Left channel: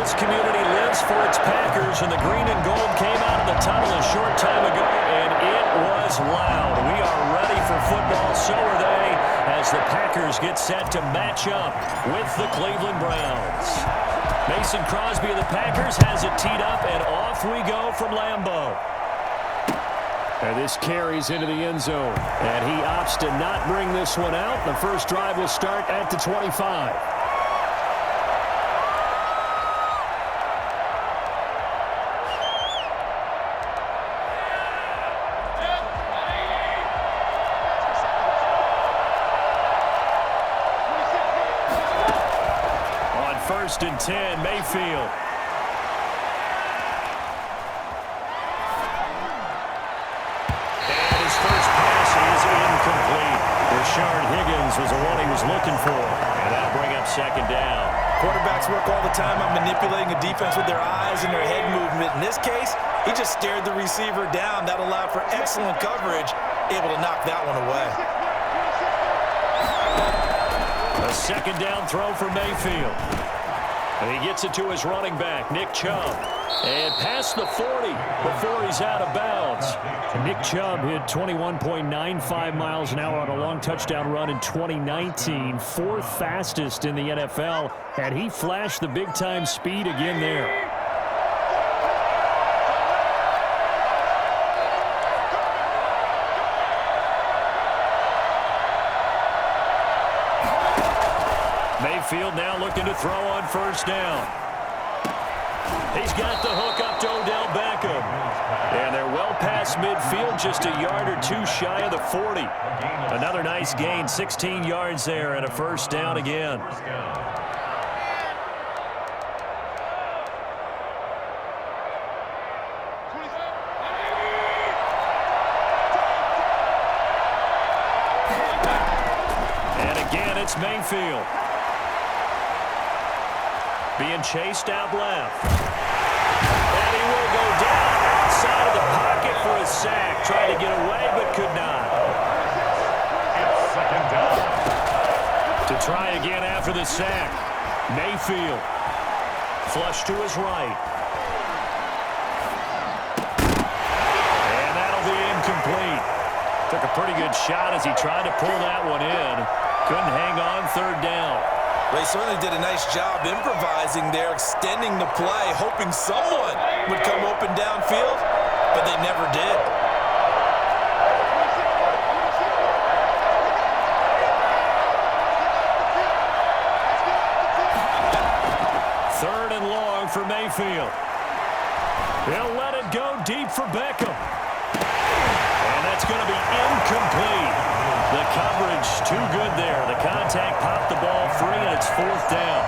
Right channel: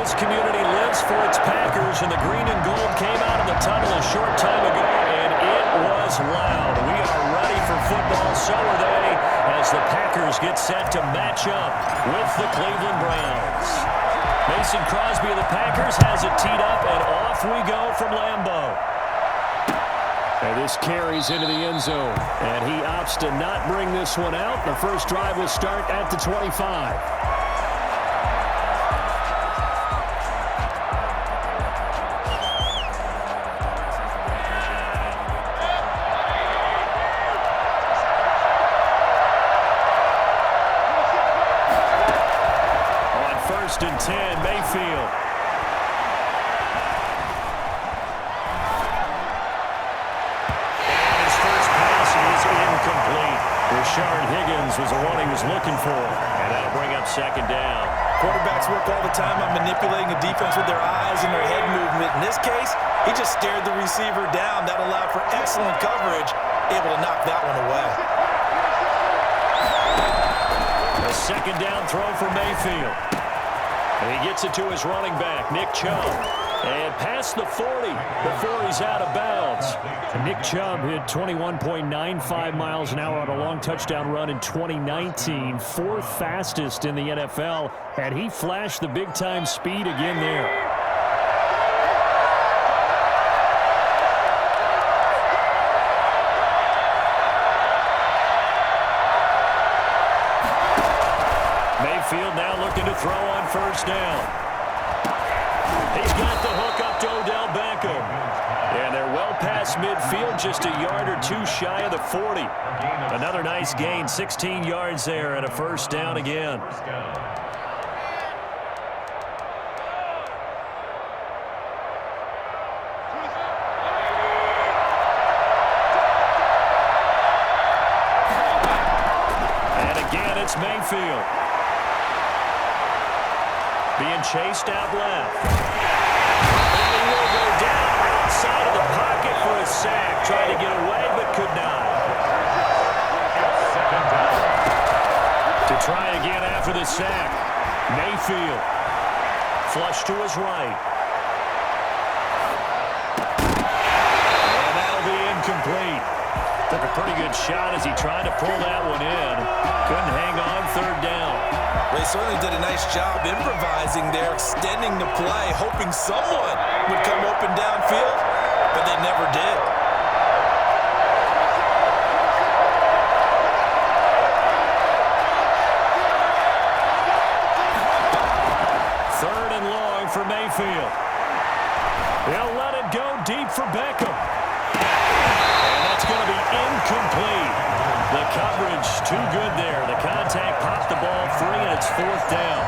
this community lives for its Packers, and the green and gold came out of the tunnel a short time ago, and it was loud. We are ready for football, so are they, as the Packers get set to match up with the Cleveland Browns. Mason Crosby of the Packers has it teed up, and off we go from Lambeau. And this carries into the end zone, and he opts to not bring this one out. The first drive will start at the 25. On 1st and 10, Mayfield. Is incomplete. Rashard Higgins was the one he was looking for, and that'll bring up 2nd down. Quarterbacks work all the time on manipulating a defense with their eyes and their head movement. In this case, he just stared the receiver down. That allowed for excellent coverage, able to knock that one away. A 2nd down throw for Mayfield. And he gets it to his running back, Nick Chubb. And past the 40 before he's out of bounds. And Nick Chubb hit 21.95 miles an hour on a long touchdown run in 2019. 4th fastest in the NFL. And he flashed the big-time speed again there. Mayfield now looking to throw on 1st down. He's got the hook up to Odell Beckham. And they're well past midfield, just a yard or two shy of the 40. Another nice gain, 16 yards there, and a 1st down again. And again, it's Mayfield. Being chased out left. And he will go down outside of the pocket for a sack. Tried to get away, but could not. It's 2nd down. To try again after the sack. Mayfield. Flush to his right. And that'll be incomplete. Took a pretty good shot as he tried to pull that one in. Couldn't hang on 3rd down. They certainly did a nice job improvising there, extending the play, hoping someone would come open downfield, but they never did. Third and long for Mayfield. They'll let it go deep for Beckham. And that's going to be incomplete. The coverage too good there. The contact popped the ball free, and it's 4th down.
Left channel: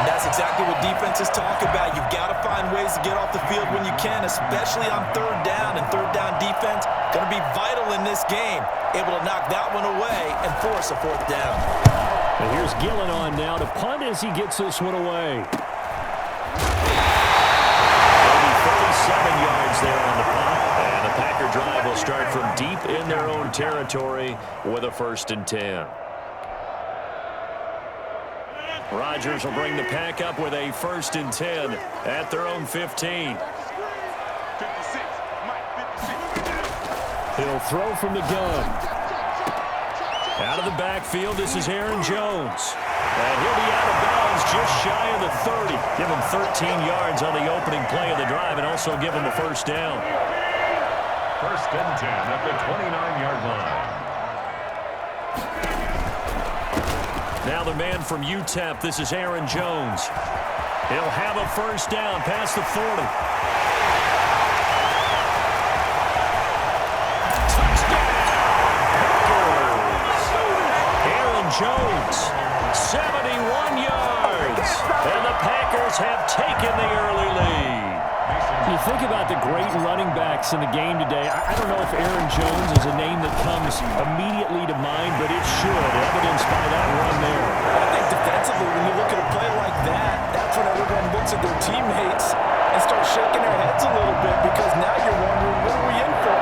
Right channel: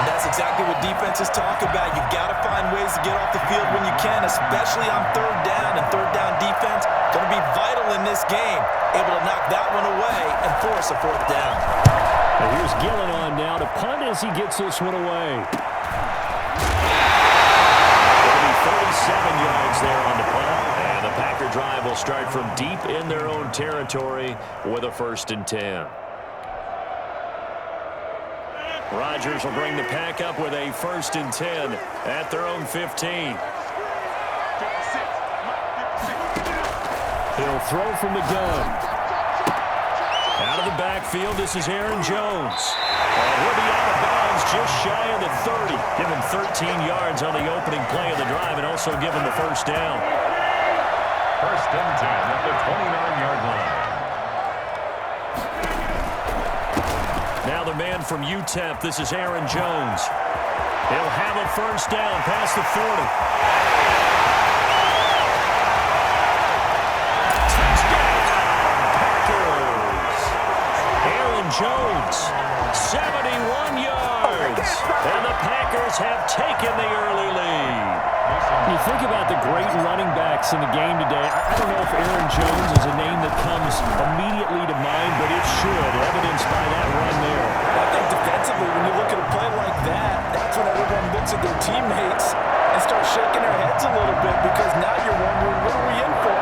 And that's exactly what defenses talk about. You've got to find ways to get off the field when you can, especially on 3rd down. And 3rd down defense going to be vital in this game. Able to knock that one away and force a 4th down. And here's Gillen on now to punt as he gets this one away. 37 yards there on the punt, and the Packer drive will start from deep in their own territory with a 1st and 10. Rodgers will bring the Pack up with a 1st and 10 at their own 15. He'll throw from the gun. Out of the backfield, this is Aaron Jones. And he'll be out of bounds just shy of the 30. Give him 13 yards on the opening play of the drive and also give him the 1st down. 1st and 10 at the 29-yard line. Now the man from UTEP, this is Aaron Jones. He'll have a 1st down past the 40. Jones, 71 yards, and the Packers have taken the early lead. You think about the great running backs in the game today. I don't know if Aaron Jones is a name that comes immediately to mind, but it should, evidenced by that run there. I think defensively, when you look at a play like that, that's when everyone looks at their teammates and starts shaking their heads a little bit, because now you're wondering, what are we in for?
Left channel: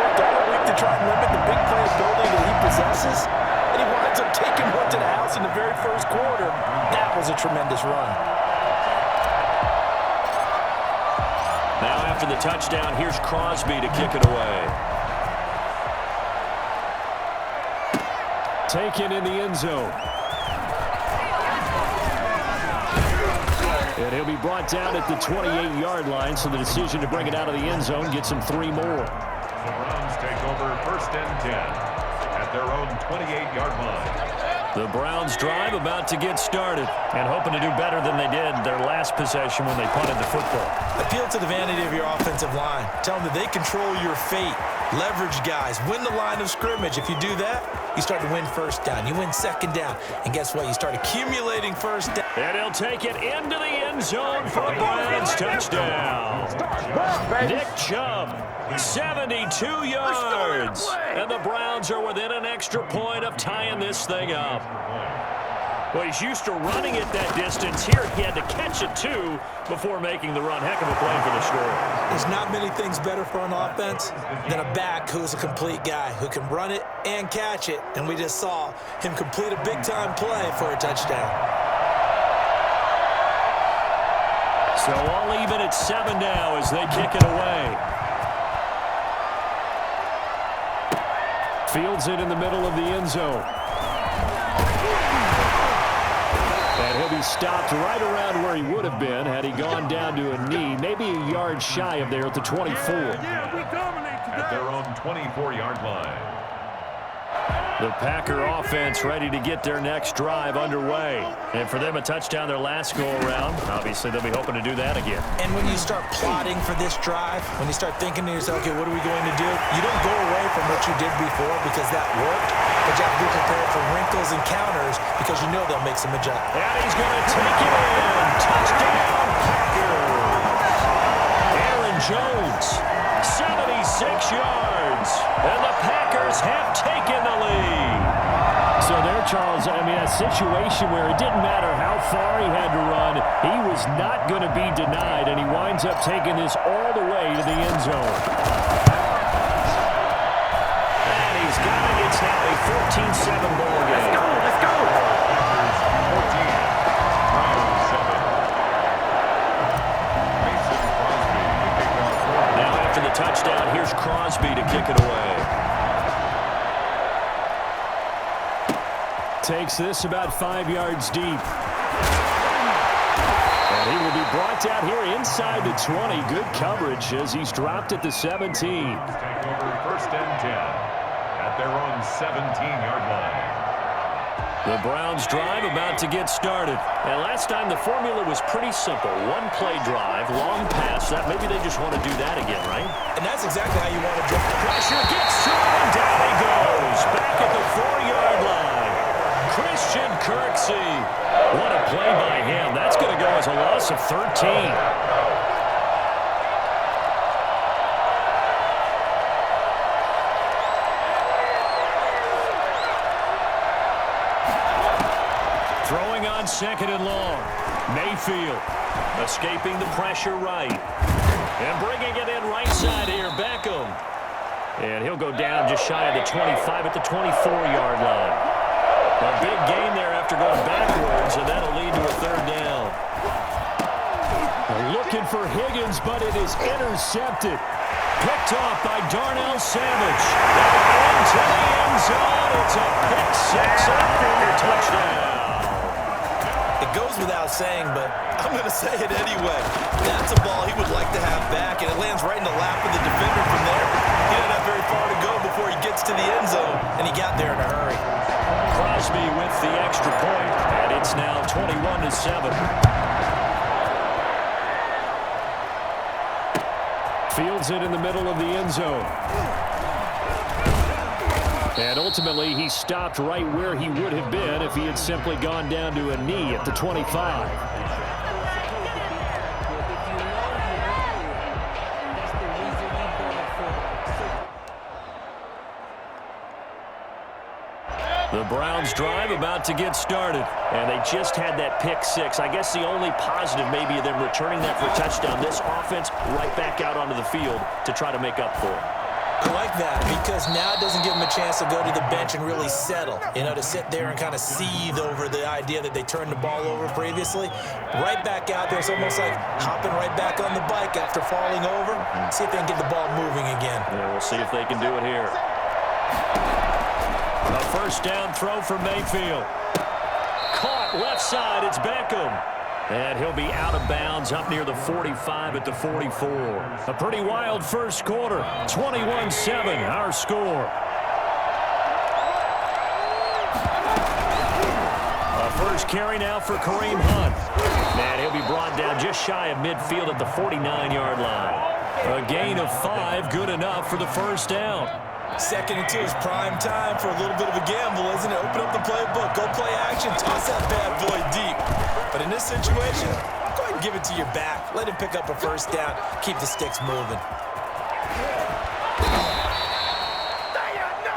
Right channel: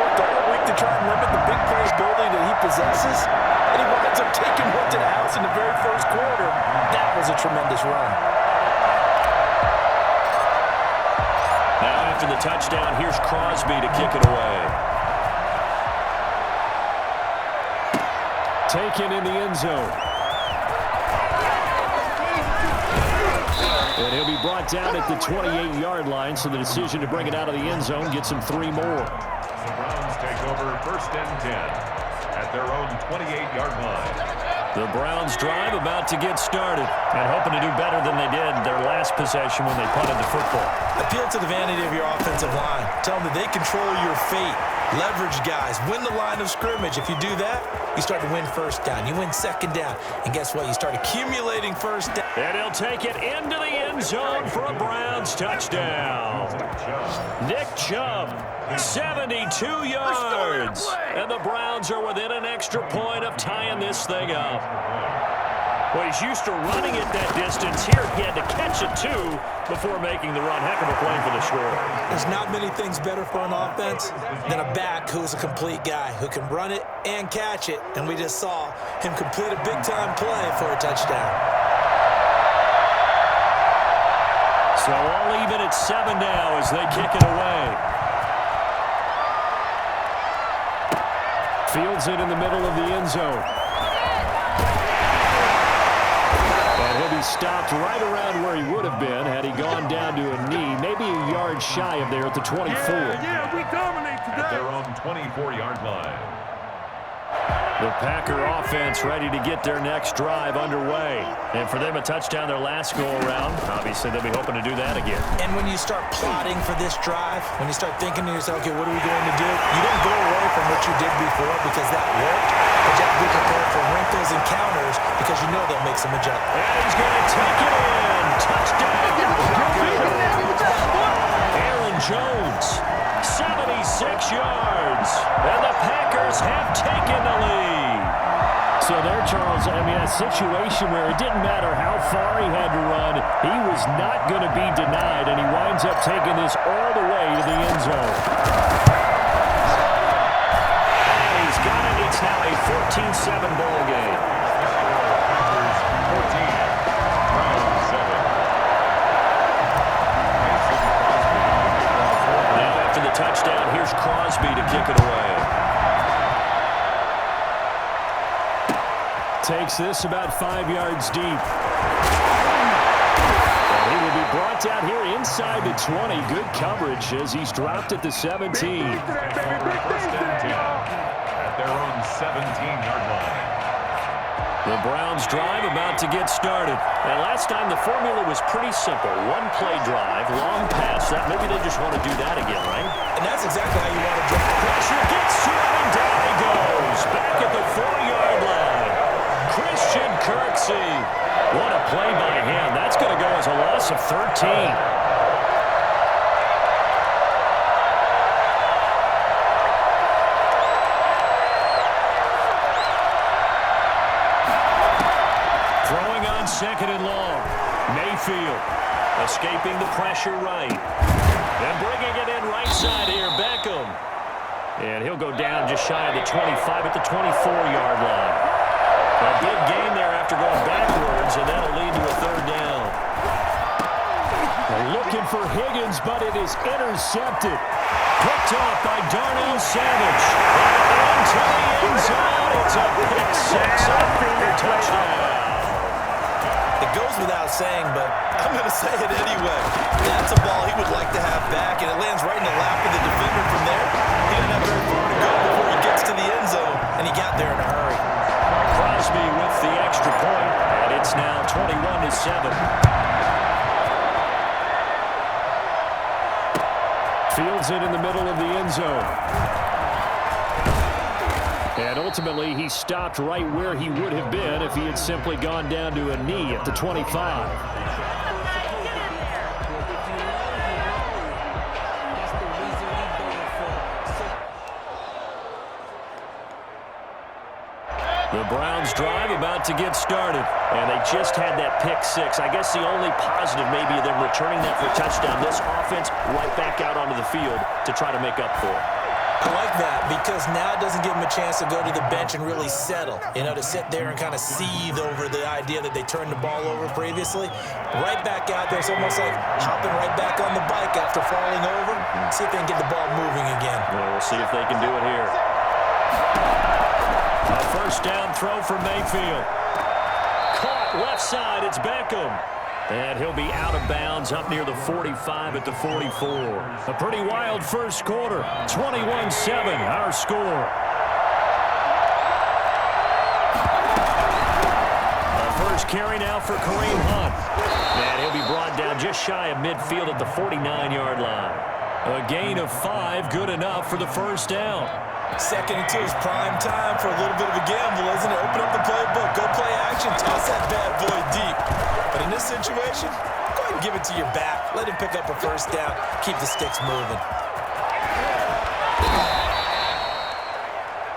Worked all week to try and limit the big play ability that he possesses, and he winds up taking one to the house in the very first quarter. That was a tremendous run. after the touchdown, here's Crosby to kick it away. Taken in the end zone. And he'll be brought down at the 28-yard line, so the decision to bring it out of the end zone gets him 3 more. The Browns take over 1st and 10 at their own 28-yard line. The Browns drive about to get started and hoping to do better than they did their last possession when they punted the football. Appeal to the vanity of your offensive line. Tell them that they control your fate. Leverage guys. Win the line of scrimmage. If you do that, you start to win first down. You win second down. And guess what? You start accumulating first down. And he'll take it into the end zone for a Browns touchdown. Nick Chubb, 72 yards. And the Browns are within an extra point of tying this thing up. Well, he's used to running it that distance. Here he had to catch it, too, before making the run. Heck of a play for the score. There's not many things better for an offense than a back who's a complete guy, who can run it and catch it. And we just saw him complete a big-time play for a touchdown. So all even at 7 now as they kick it away. Fields it in the middle of the end zone. And he'll be stopped right around where he would have been had he gone down to a knee, maybe a yard shy of there at the 24. Yeah, we dominate today. At their own 24-yard line. The Packer offense ready to get their next drive underway. And for them, a touchdown their last go-around. Obviously, they'll be hoping to do that again. And when you start plotting for this drive, when you start thinking to yourself, okay, what are we going to do? You don't go away from what you did before because that worked, but you have to be prepared for wrinkles and counters because you know they'll make some adjustments. And he's going to take it in. Touchdown, Packers. Aaron Jones, 76 yards. And the Packers have taken the lead. So there, Charles, I mean, a situation where it didn't matter how far he had to run, he was not going to be denied, and he winds up taking this all the way to the end zone. And he's got it. It's now a 14-7 ball game. Let's go. Packers 14, Browns 7. Mason Crosby to kick off. Now after the touchdown, here's Crosby to kick it away. Takes this about 5 yards deep. And he will be brought down here inside the 20. Good coverage as he's dropped at the 17. Take over 1st and 10 at their own 17-yard line. The Browns drive about to get started. And last time the formula was pretty simple. One play drive, long pass. That maybe they just want to do that again, right? And that's exactly how you want to drive. Pressure gets to him, and down he goes. Back at the 4-yard line. Christian Kirksey. What a play by him. That's going to go as a loss of 13. Throwing on 2nd and long. Mayfield escaping the pressure right. And bringing it in right side here, Beckham. And he'll go down just shy of the 25 at the 24-yard line. A big gain there after going backwards, and that'll lead to a 3rd down. They're looking for Higgins, but it is intercepted. Picked off by Darnell Savage. And into the end zone. It's a pick 6 after the touchdown. It goes without saying, but I'm going to say it anyway. That's a ball he would like to have back, and it lands right in the lap of the defender from there. He didn't have very far to go before he gets to the end zone, and he got there in a hurry. Crosby with the extra point, and it's now 21-7. Fields it in the middle of the end zone. And ultimately, he stopped right where he would have been if he had simply gone down to a knee at the 25. The Browns drive about to get started, and they just had that pick 6. I guess the only positive maybe of them returning that for a touchdown. This offense right back out onto the field to try to make up for it. I like that because now it doesn't give them a chance to go to the bench and really settle, to sit there and kind of seethe over the idea that they turned the ball over previously. Right back out there, it's almost like hopping right back on the bike after falling over. See if they can get the ball moving again. Yeah, we'll see if they can do it here. A first down throw for Mayfield. Caught left side, it's Beckham. And he'll be out of bounds up near the 45 at the 44. A pretty wild first quarter. 21-7, our score. A first carry now for Kareem Hunt. And he'll be brought down just shy of midfield at the 49-yard line. A gain of 5, good enough for the first down. 2nd and 2 is prime time for a little bit of a gamble, isn't it? Open up the playbook, go play action, toss that bad boy deep. But in this situation, go ahead and give it to your back. Let him pick up a first down, keep the sticks moving.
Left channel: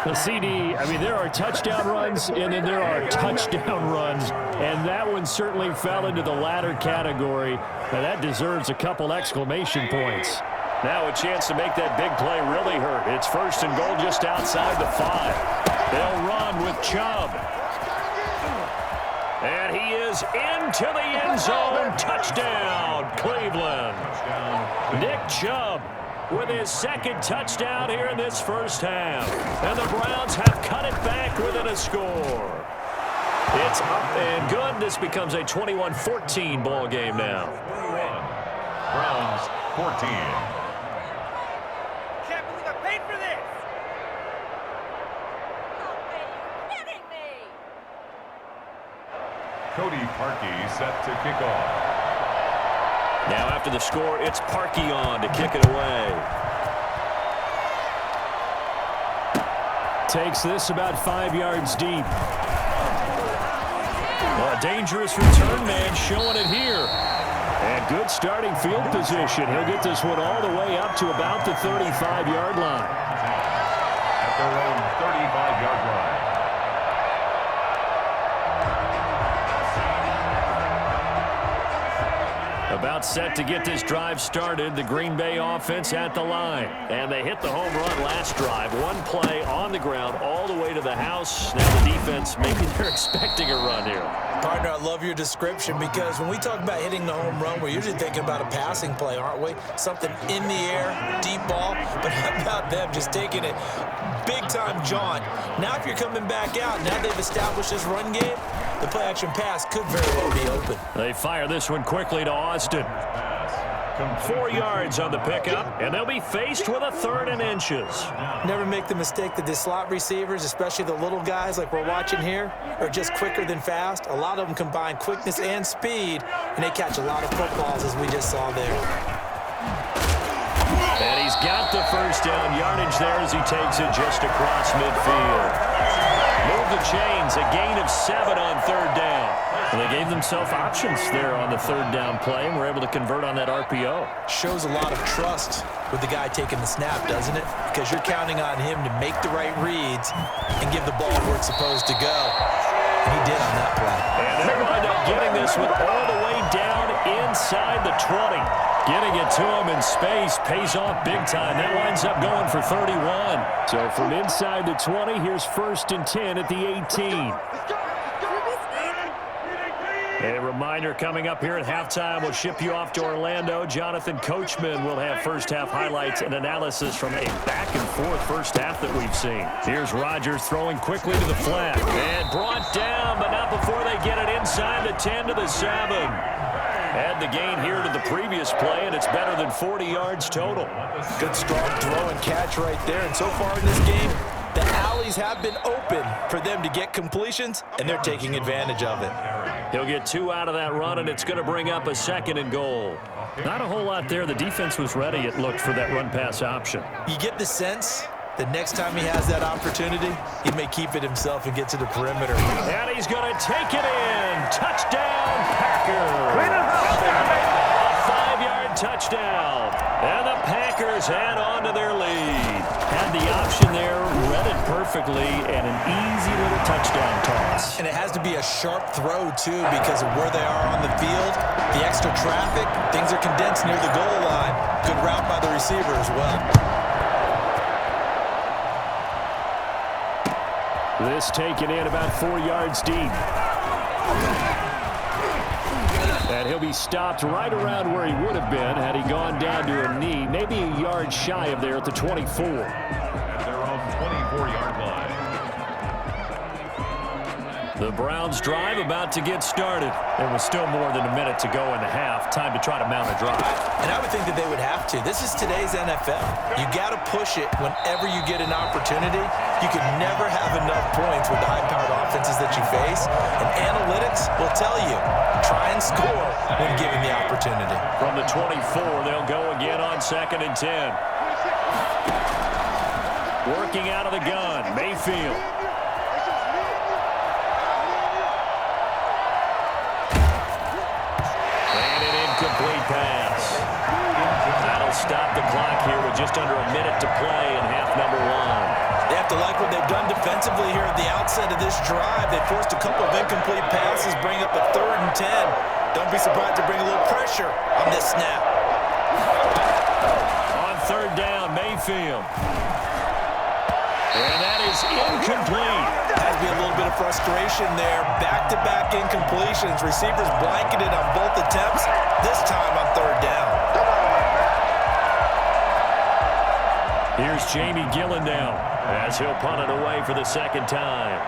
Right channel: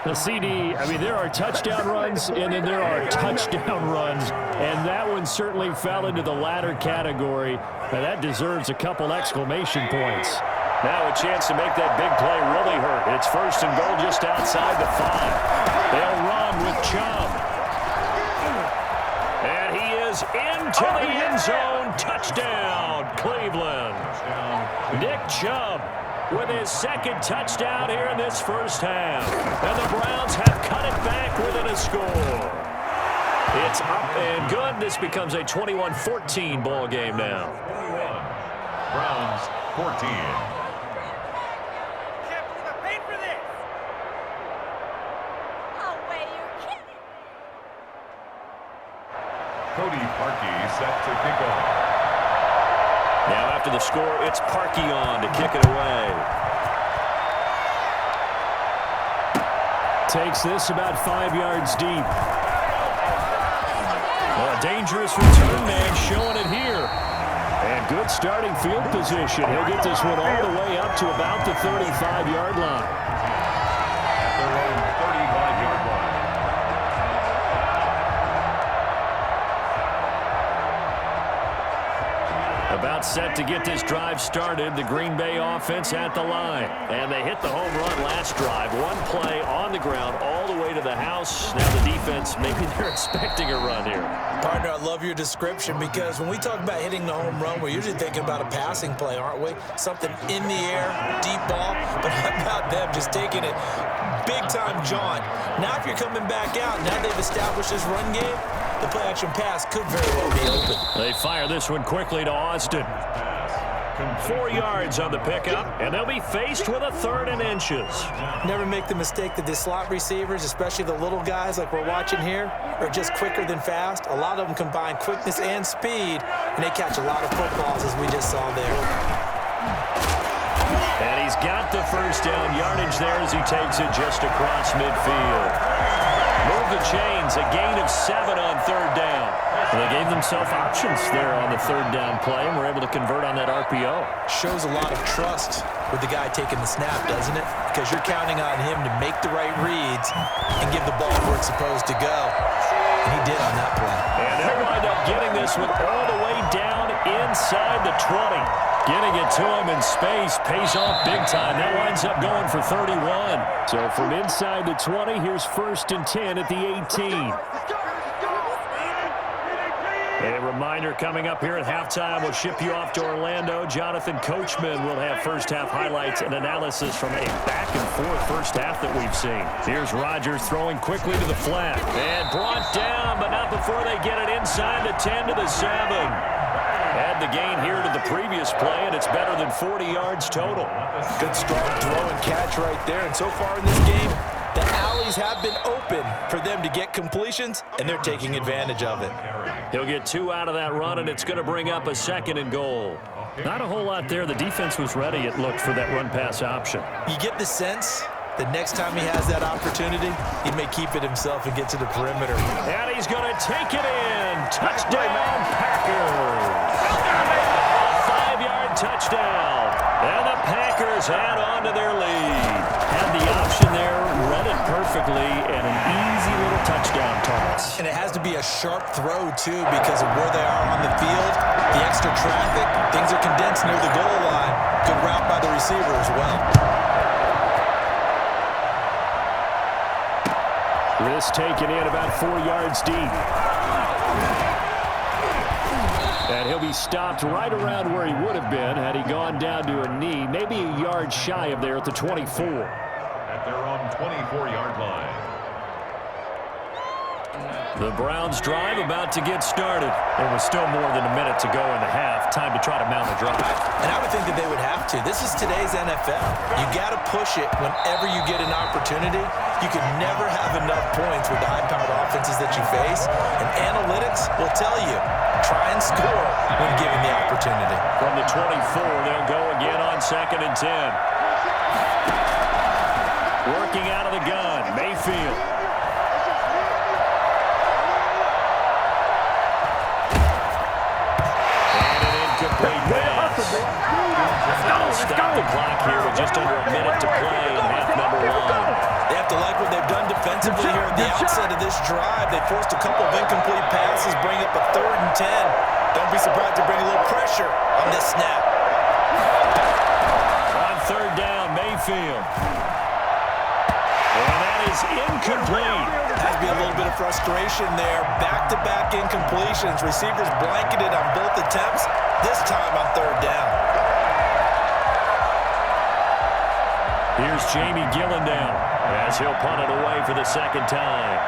The CD, there are touchdown runs, and then there are touchdown runs, and that one certainly fell into the latter category. Now, that deserves a couple exclamation points. Now a chance to make that big play really hurt. It's 1st and goal just outside the 5. They'll run with Chubb. And he is into the end zone. Touchdown, Cleveland. Nick Chubb with his 2nd touchdown here in this first half. And the Browns have cut it back within a score. It's up and good. This becomes a 21-14 ball game now. 21. Browns 14. Cody Parkey set to kick off. Now after the score, it's Parkey on to kick it away. Takes this about 5 yards deep. Well, a dangerous return man showing it here. And good starting field position. He'll get this one all the way up to about the 35-yard line. At their own 35-yard line. About set to get this drive started, the Green Bay offense at the line. And they hit the home run last drive. One play on the ground all the way to the house. Now the defense, maybe they're expecting a run here. Partner, I love your description because when we talk about hitting the home run, we're usually thinking about a passing play, aren't we? Something in the air, deep ball. But how about them just taking it big-time jaunt? Now if you're coming back out, now they've established this run game, the play-action pass could very well be open. They fire this one quickly to Austin. 4 yards on the pickup, and they'll be faced with a 3rd and inches. Never make the mistake that the slot receivers, especially the little guys like we're watching here, are just quicker than fast. A lot of them combine quickness and speed, and they catch a lot of footballs, as we just saw there. And he's got the first down yardage there as he takes it just across midfield. Move the chains, a gain of 7 on 3rd down. And they gave themselves options there on the 3rd down play and were able to convert on that RPO. Shows a lot of trust with the guy taking the snap, doesn't it? Because you're counting on him to make the right reads and give the ball where it's supposed to go. And he did on that play. And they'll wind up getting this one all the way down inside the 20. Getting it to him in space pays off big time. That winds up going for 31. So from inside the 20, here's 1st and 10 at the 18. A reminder coming up here at halftime, we'll ship you off to Orlando. Jonathan Coachman will have first half highlights and analysis from a back-and-forth first half that we've seen. Here's Rodgers throwing quickly to the flat. And brought down, but not before they get it inside the 10 to the 7. Add the gain here to the previous play, and it's better than 40 yards total. Good strong throw and catch right there. And so far in this game, the alleys have been open for them to get completions, and they're taking advantage of it. He'll get 2 out of that run, and it's going to bring up a 2nd and goal. Not a whole lot there. The defense was ready, it looked, for that run-pass option. You get the sense that next time he has that opportunity, he may keep it himself and get to the perimeter. And he's going to take it in. Touchdown, Packers. A 5-yard touchdown. And the Packers add on to their lead. Had the option there, read it perfectly, and an easy little touchdown toss. And it has to be a sharp throw, too, because of where they are on the field, the extra traffic, things are condensed near the goal line. Good route by the receiver as well. This taken in about 4 yards deep. And he'll be stopped right around where he would have been had he gone down to a knee, maybe a yard shy of there at the 24. At their own 24-yard line. The Browns drive about to get started. There was still more than a minute to go in the half. Time to try to mount a drive. And I would think that they would have to. This is today's NFL. You got to push it whenever you get an opportunity. You can never have enough points with the high-powered offenses that you face. And analytics will tell you, try and score when given the opportunity. From the 24, they'll go again on 2nd and 10. Working out of the gun, Mayfield. Complete pass. That'll stop the clock here with just under a minute to play in half number 1. They have to like what they've done defensively here at the outset of this drive. They forced a couple of incomplete passes, bring up a 3rd and 10. Don't be surprised to bring a little pressure on this snap. On 3rd down, Mayfield. And that is incomplete. Has to be a little bit of frustration there. Back-to-back incompletions. Receivers blanketed on both attempts. This time on 3rd down. Here's Jamie Gillendown as he'll punt it away for the 2nd time.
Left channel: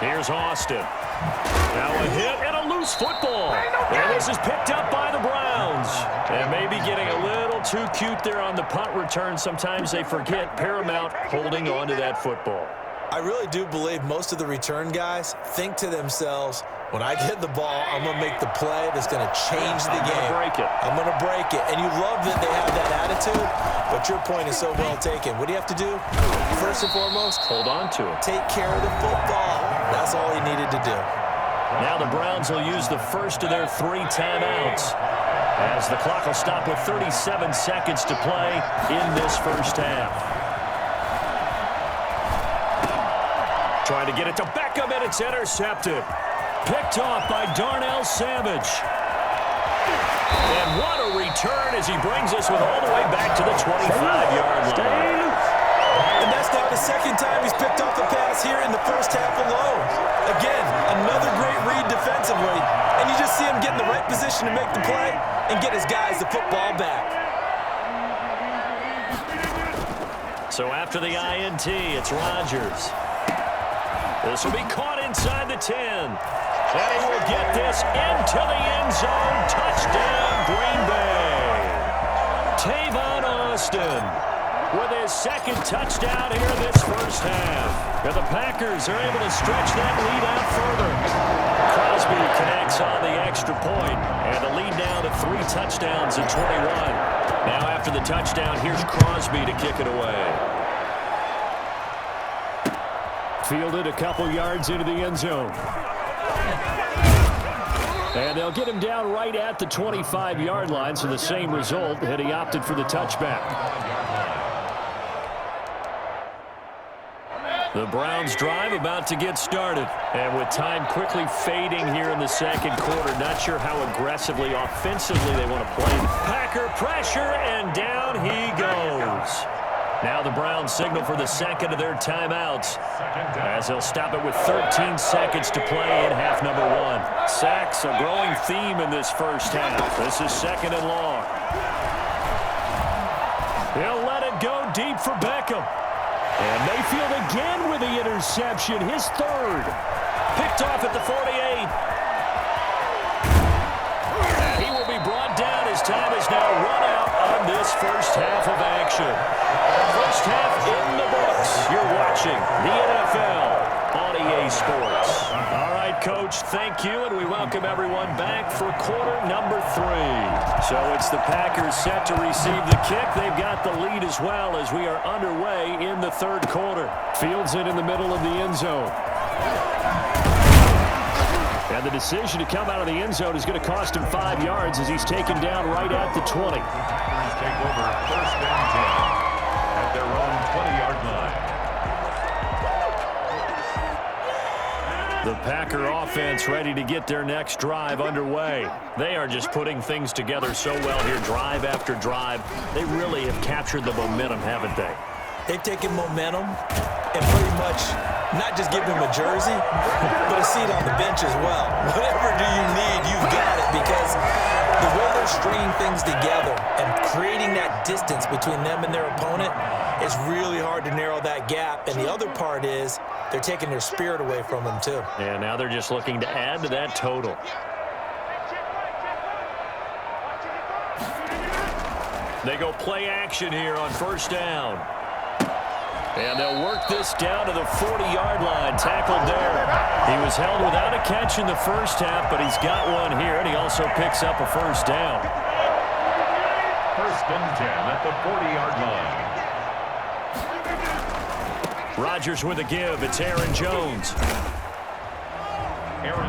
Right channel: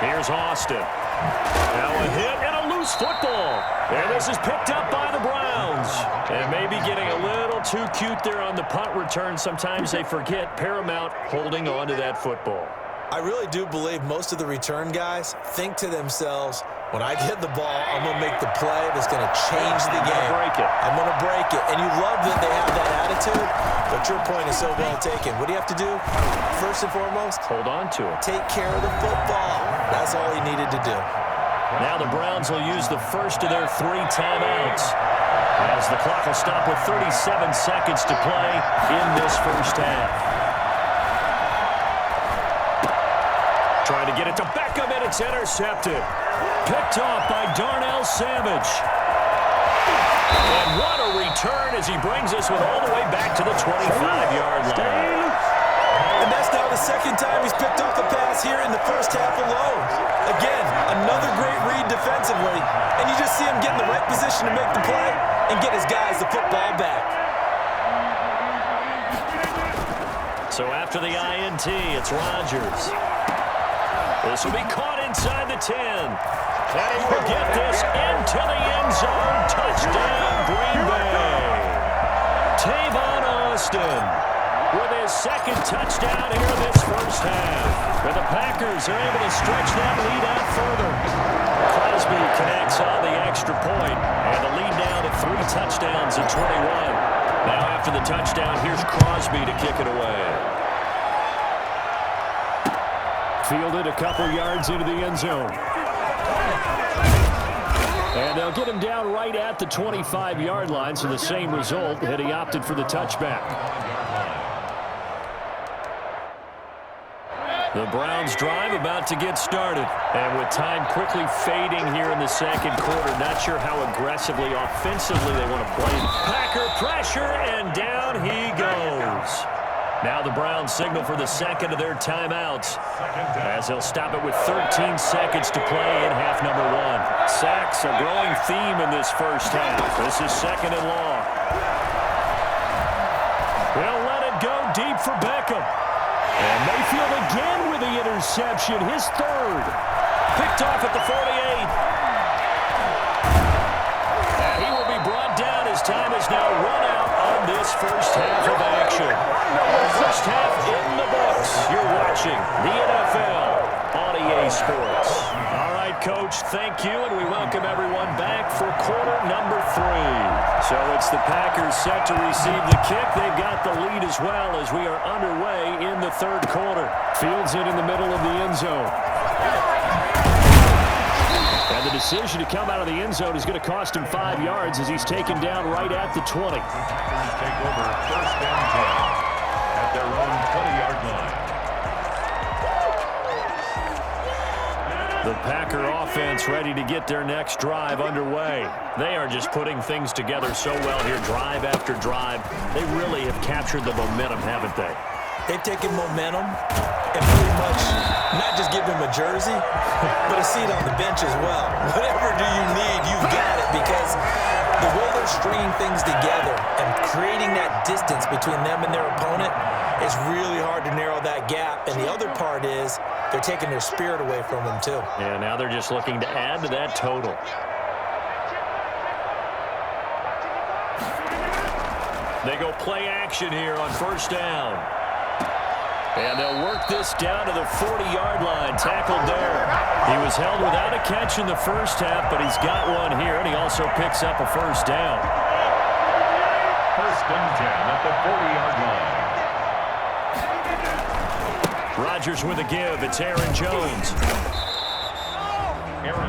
Here's Austin. Now a hit and a loose football. And this is picked up by the Browns. And maybe getting a little too cute there on the punt return. Sometimes they forget paramount holding on to that football. I really do believe most of the return guys think to themselves, when I get the ball, I'm going to make the play that's going to change the game. I'm going to break it. And you love that they have that attitude, but your point is so well taken. What do you have to do? First and foremost, hold on to it. Take care of the football. That's all he needed to do. Now the Browns will use the first of their 3 timeouts, as the clock will stop with 37 seconds to play in this first half. Trying to get it to Beckham, and it's intercepted. Picked off by Darnell Savage. And what a return as he brings us with all the way back to the 25-yard line. And that's now the 2nd time he's picked off a pass here in the first half alone. Again, another great read defensively. And you just see him get in the right position to make the play and get his guys the football back. So after the INT, it's Rodgers. This will be caught inside the 10. And he will get this into the end zone. Touchdown, Green Bay. Tavon Austin with his 2nd touchdown here in this first half. And the Packers are able to stretch that lead out further. Crosby connects on the extra point, and the lead now to 3 touchdowns at 21. Now after the touchdown, here's Crosby to kick it away. Fielded a couple yards into the end zone. And they'll get him down right at the 25-yard line, so the same result had he opted for the touchback. The Browns drive about to get started. And with time quickly fading here in the 2nd quarter, not sure how aggressively, offensively they want to play. Packer pressure, and down he goes. Now the Browns signal for the 2nd of their timeouts, as they'll stop it with 13 seconds to play in half number 1. Sacks, a growing theme in this first half. This is 2nd and long. He'll let it go deep for Beckham. And Mayfield again with the interception, his 3rd. Picked off at the 48. And he will be brought down as time is now run out on this first half of action. First half in the books. You're watching the NFL on EA Sports. All right, Coach, thank you, and we welcome everyone back for quarter number 3. So it's the Packers set to receive the kick. They've got the lead as well as we are underway in the 3rd quarter. Fields it in the middle of the end zone. And the decision to come out of the end zone is going to cost him 5 yards as he's taken down right at the 20. Take over 1st and 10 at their own 20-yard line. The Packer offense ready to get their next drive underway. They are just putting things together so well here, drive after drive. They really have captured the momentum, haven't they? They've taken momentum and pretty much not just given him a jersey, but a seat on the bench as well. Whatever do you need, you've got it, because the way they're stringing things together and creating that distance between them and their opponent is really hard to narrow that gap. And the other part is they're taking their spirit away from them too. Yeah, now they're just looking to add to that total. They go play action here on first down. And they'll work this down to the 40-yard line. Tackled there. He was held without a catch in the first half, but he's got one here, and he also picks up a first down. First and 10 at the 40-yard line. Rodgers with a give. It's Aaron Jones.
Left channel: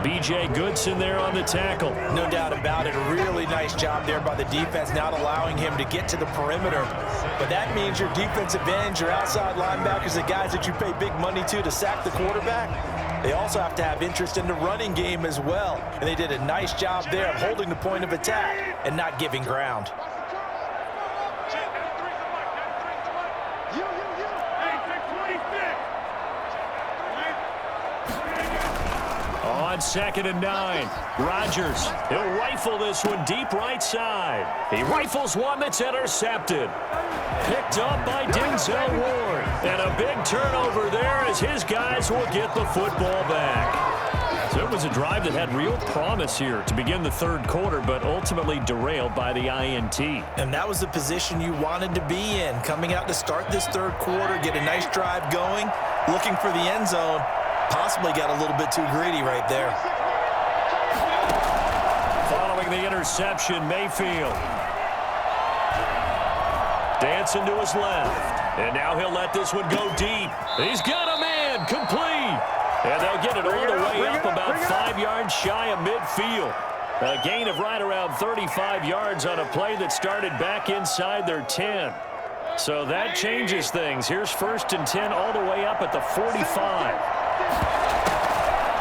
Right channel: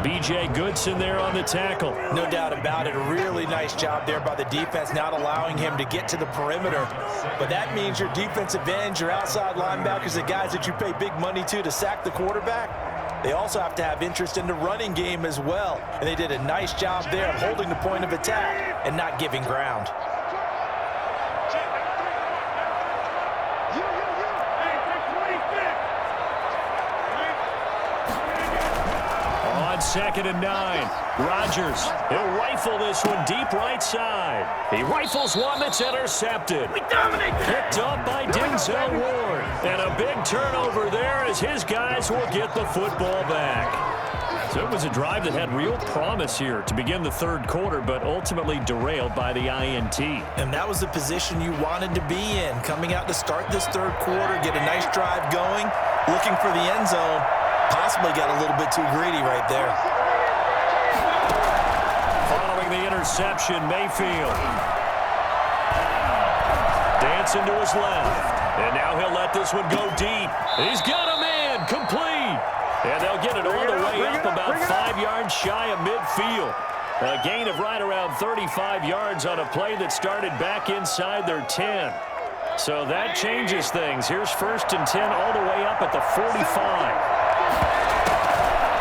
B.J. Goodson there on the tackle. No doubt about it. A really nice job there by the defense, not allowing him to get to the perimeter. But that means your defensive ends, your outside linebackers, the guys that you pay big money to sack the quarterback, they also have to have interest in the running game as well. And they did a nice job there of holding the point of attack and not giving ground. On 2nd and 9, Rodgers, he'll rifle this one deep right side. He rifles one that's intercepted. Picked up by Denzel Ward. And a big turnover there as his guys will get the football back. So it was a drive that had real promise here to begin the third quarter, but ultimately derailed by the INT. And that was the position you wanted to be in, coming out to start this third quarter, get a nice drive going, looking for the end zone. Possibly got a little bit too greedy right there. Following the interception, Mayfield. Dancing to his left. And now he'll let this one go deep. He's got a man, complete. And they'll get it all the way up about 5 yards shy of midfield. A gain of right around 35 yards on a play that started back inside their 10. So that changes things. Here's 1st and 10 all the way up at the 45.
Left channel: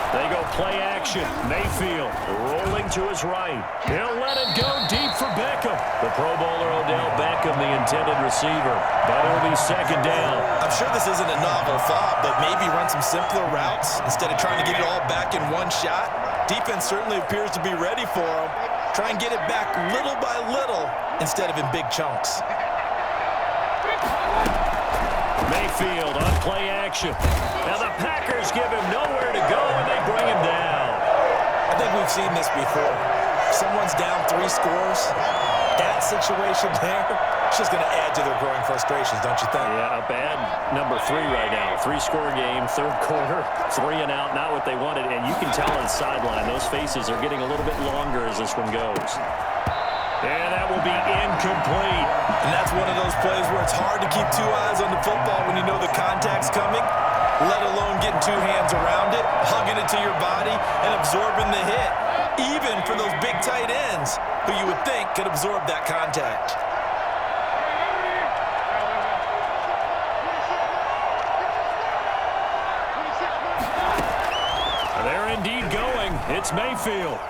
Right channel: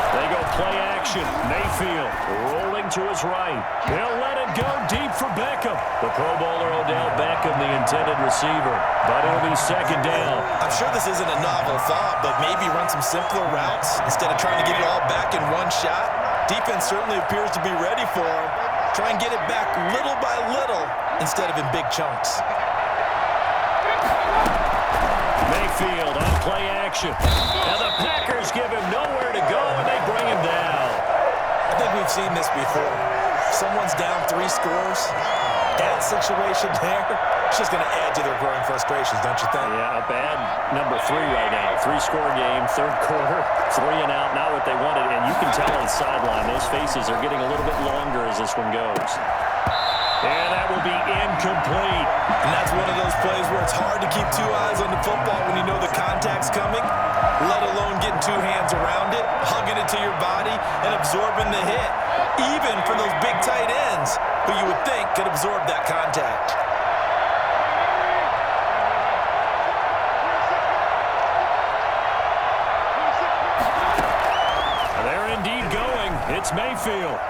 They go play action. Mayfield rolling to his right. He'll let it go deep for Beckham. The Pro Bowler Odell Beckham, the intended receiver. But it'll be 2nd down. I'm sure this isn't a novel thought, but maybe run some simpler routes instead of trying to get it all back in one shot. Defense certainly appears to be ready for him. Try and get it back little by little instead of in big chunks. Mayfield on play action. Now the Packers give him nowhere to go, and they bring him down. I think we've seen this before. Someone's down 3 scores. That situation there, it's just going to add to their growing frustrations, don't you think? Yeah, a bad number 3 right now. 3-score game, third quarter, 3 and out, not what they wanted. And you can tell on the sideline, those faces are getting a little bit longer as this one goes. And that will be incomplete. And that's one of those plays where it's hard to keep 2 eyes on the football when you know the contact's coming, let alone getting 2 hands around it, hugging it to your body, and absorbing the hit, even for those big tight ends who you would think could absorb that contact. They're indeed going. It's Mayfield.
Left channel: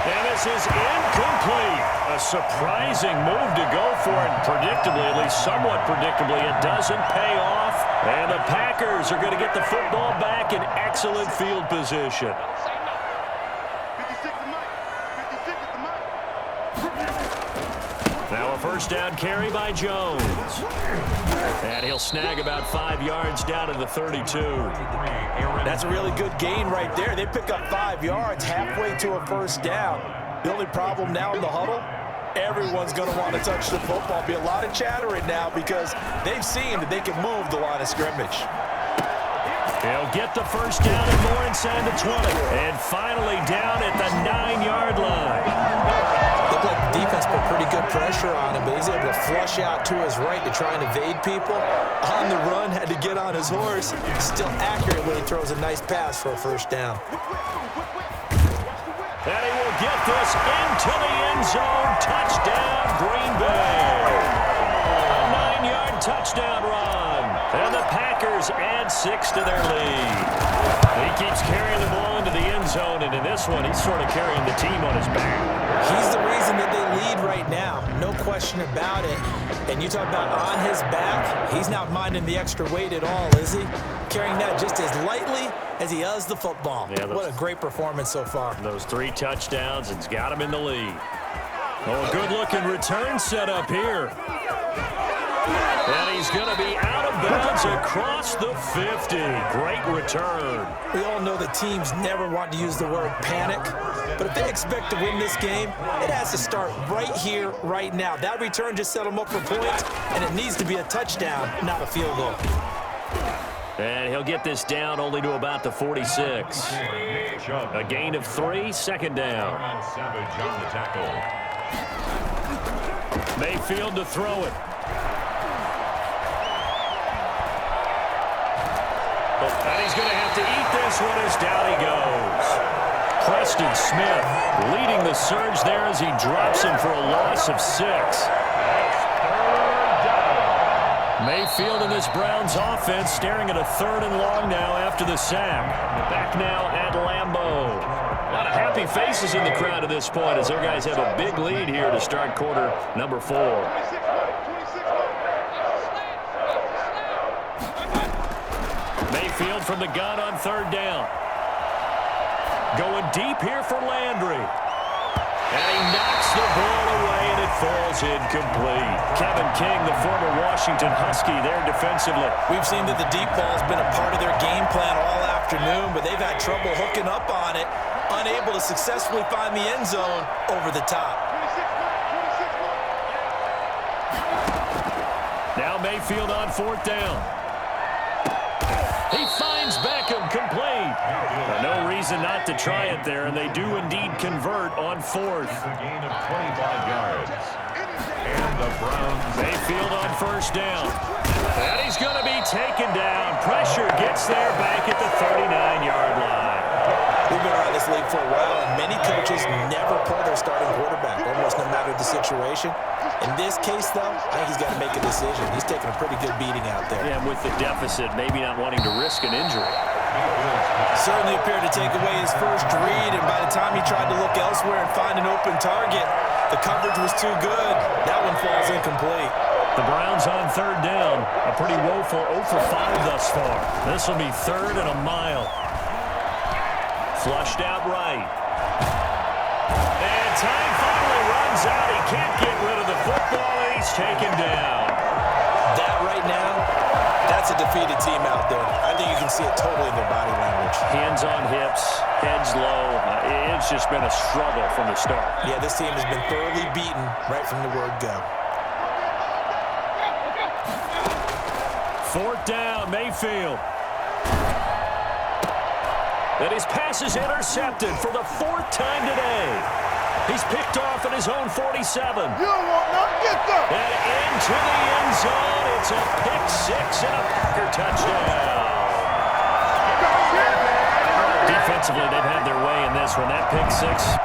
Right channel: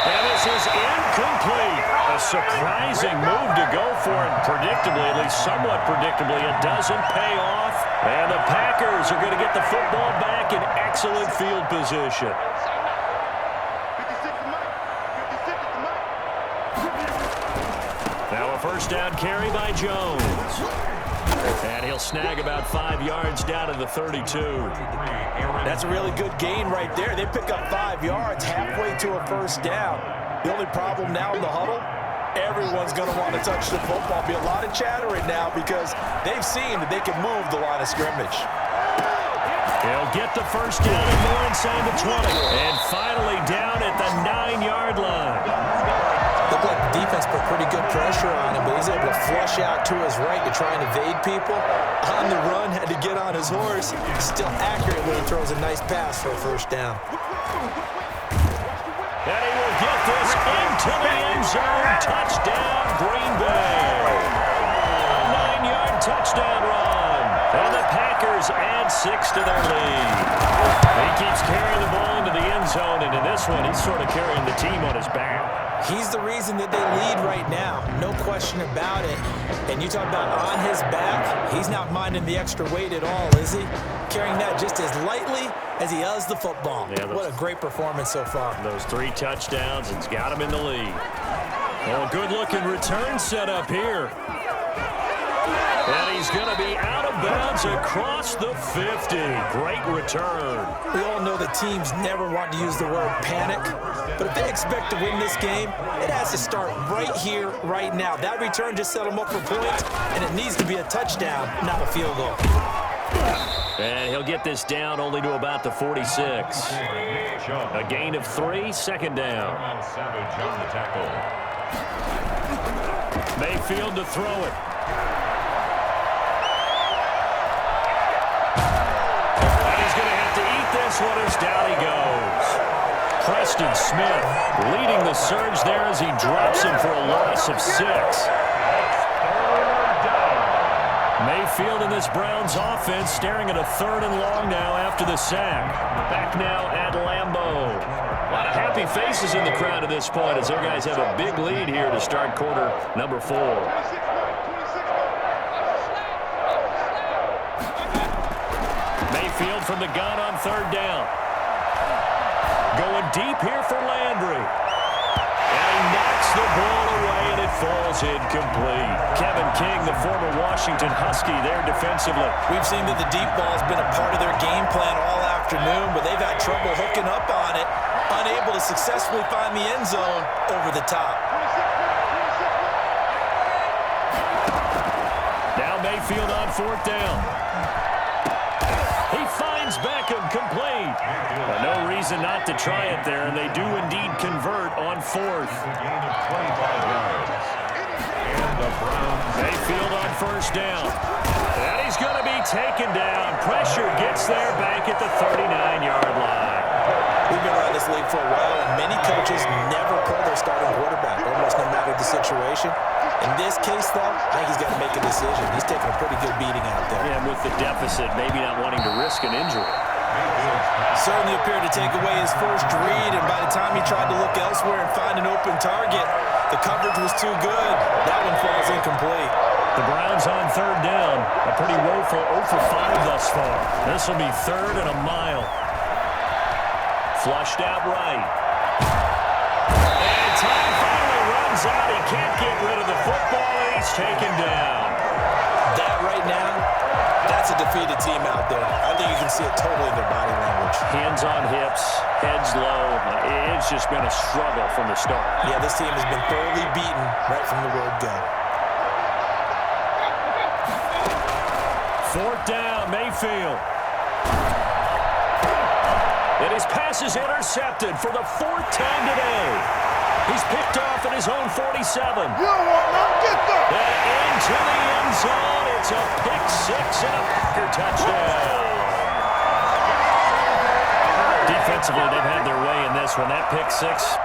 And this is incomplete. A surprising move to go for it. Predictably, at least somewhat predictably, it doesn't pay off. And the Packers are going to get the football back in excellent field position. Now a first down carry by Jones. And he'll snag about 5 yards down to the 32. That's a really good gain right there. They pick up 5 yards halfway to a first down. The only problem now in the huddle, everyone's going to want to touch the football. Be a lot of chattering now because they've seen that they can move the line of scrimmage. He'll get the first down and more inside the 20. And finally down at the 9-yard line. Looked like the defense put pretty good pressure on him, but he's able to flush out to his right to try and evade people. On the run, had to get on his horse. Still accurate when he throws a nice pass for a first down. And he will get this into the end zone. Touchdown, Green Bay. A 9-yard touchdown run. And the Packers Packers add 6 to their lead. He keeps carrying the ball into the end zone, and in this one, he's sort of carrying the team on his back. He's the reason that they lead right now. No question about it. And you talk about on his back, he's not minding the extra weight at all, is he? Carrying that just as lightly as he does the football. Yeah, what a great performance so far. Those 3 touchdowns, it's got him in the lead. Oh, good-looking return set up here. And he's going to be out of bounds across the 50. Great return. We all know that teams never want to use the word panic, but if they expect to win this game, it has to start right here, right now. That return just set them up for points, and it needs to be a touchdown, not a field goal. And he'll get this down only to about the 46. A gain of 3, second down. Savage on the tackle. Mayfield to throw it. And he's going to have to eat this one as down he goes. Preston Smith leading the surge there as he drops him for a loss of 6. Mayfield in this Browns offense staring at a 3rd and long now after the sack. Back now at Lambeau. A lot of happy faces in the crowd at this point as their guys have a big lead here to start quarter number 4. Mayfield from the gun on 3rd down. Going deep here for Landry. And he knocks the ball away, and it falls incomplete. Kevin King, the former Washington Husky, there defensively. We've seen that the deep ball has been a part of their game plan all afternoon, but they've had trouble hooking up on it, unable to successfully find the end zone over the top. Now Mayfield on 4th down. He finds Beckham complete. No reason not to try it there, and they do indeed convert on 4th. A gain of 25 yards. And the Browns. Mayfield on 1st down. And he's going to be taken down. Pressure gets there back at the 39-yard line. We've been around this league for a while, and many coaches never pull their starting quarterback, almost no matter the situation. In this case, though, I think he's got to make a decision. He's taking a pretty good beating out there. Yeah, and with the deficit, maybe not wanting to risk an injury. Certainly appeared to take away his first read, and by the time he tried to look elsewhere and find an open target, the coverage was too good. That one falls incomplete. The Browns on 3rd down. A pretty woeful 0 for 5 thus far. This will be 3rd and a mile. Flushed out right. And time finally runs out. He can't get rid of the football, and he's taken down. That right now, that's a defeated team out there. I think you can see it totally in their body language. Hands on hips, heads low. It's just been a struggle from the start. Yeah, this team has been thoroughly beaten right from the word go. 4th down, Mayfield. And his pass is intercepted for the 4th time today. He's picked off at his own 47. You don't want nothing, get there. And into the end zone. It's a pick 6 and a Packer touchdown. Defensively, they've had their way in this one. That pick 6.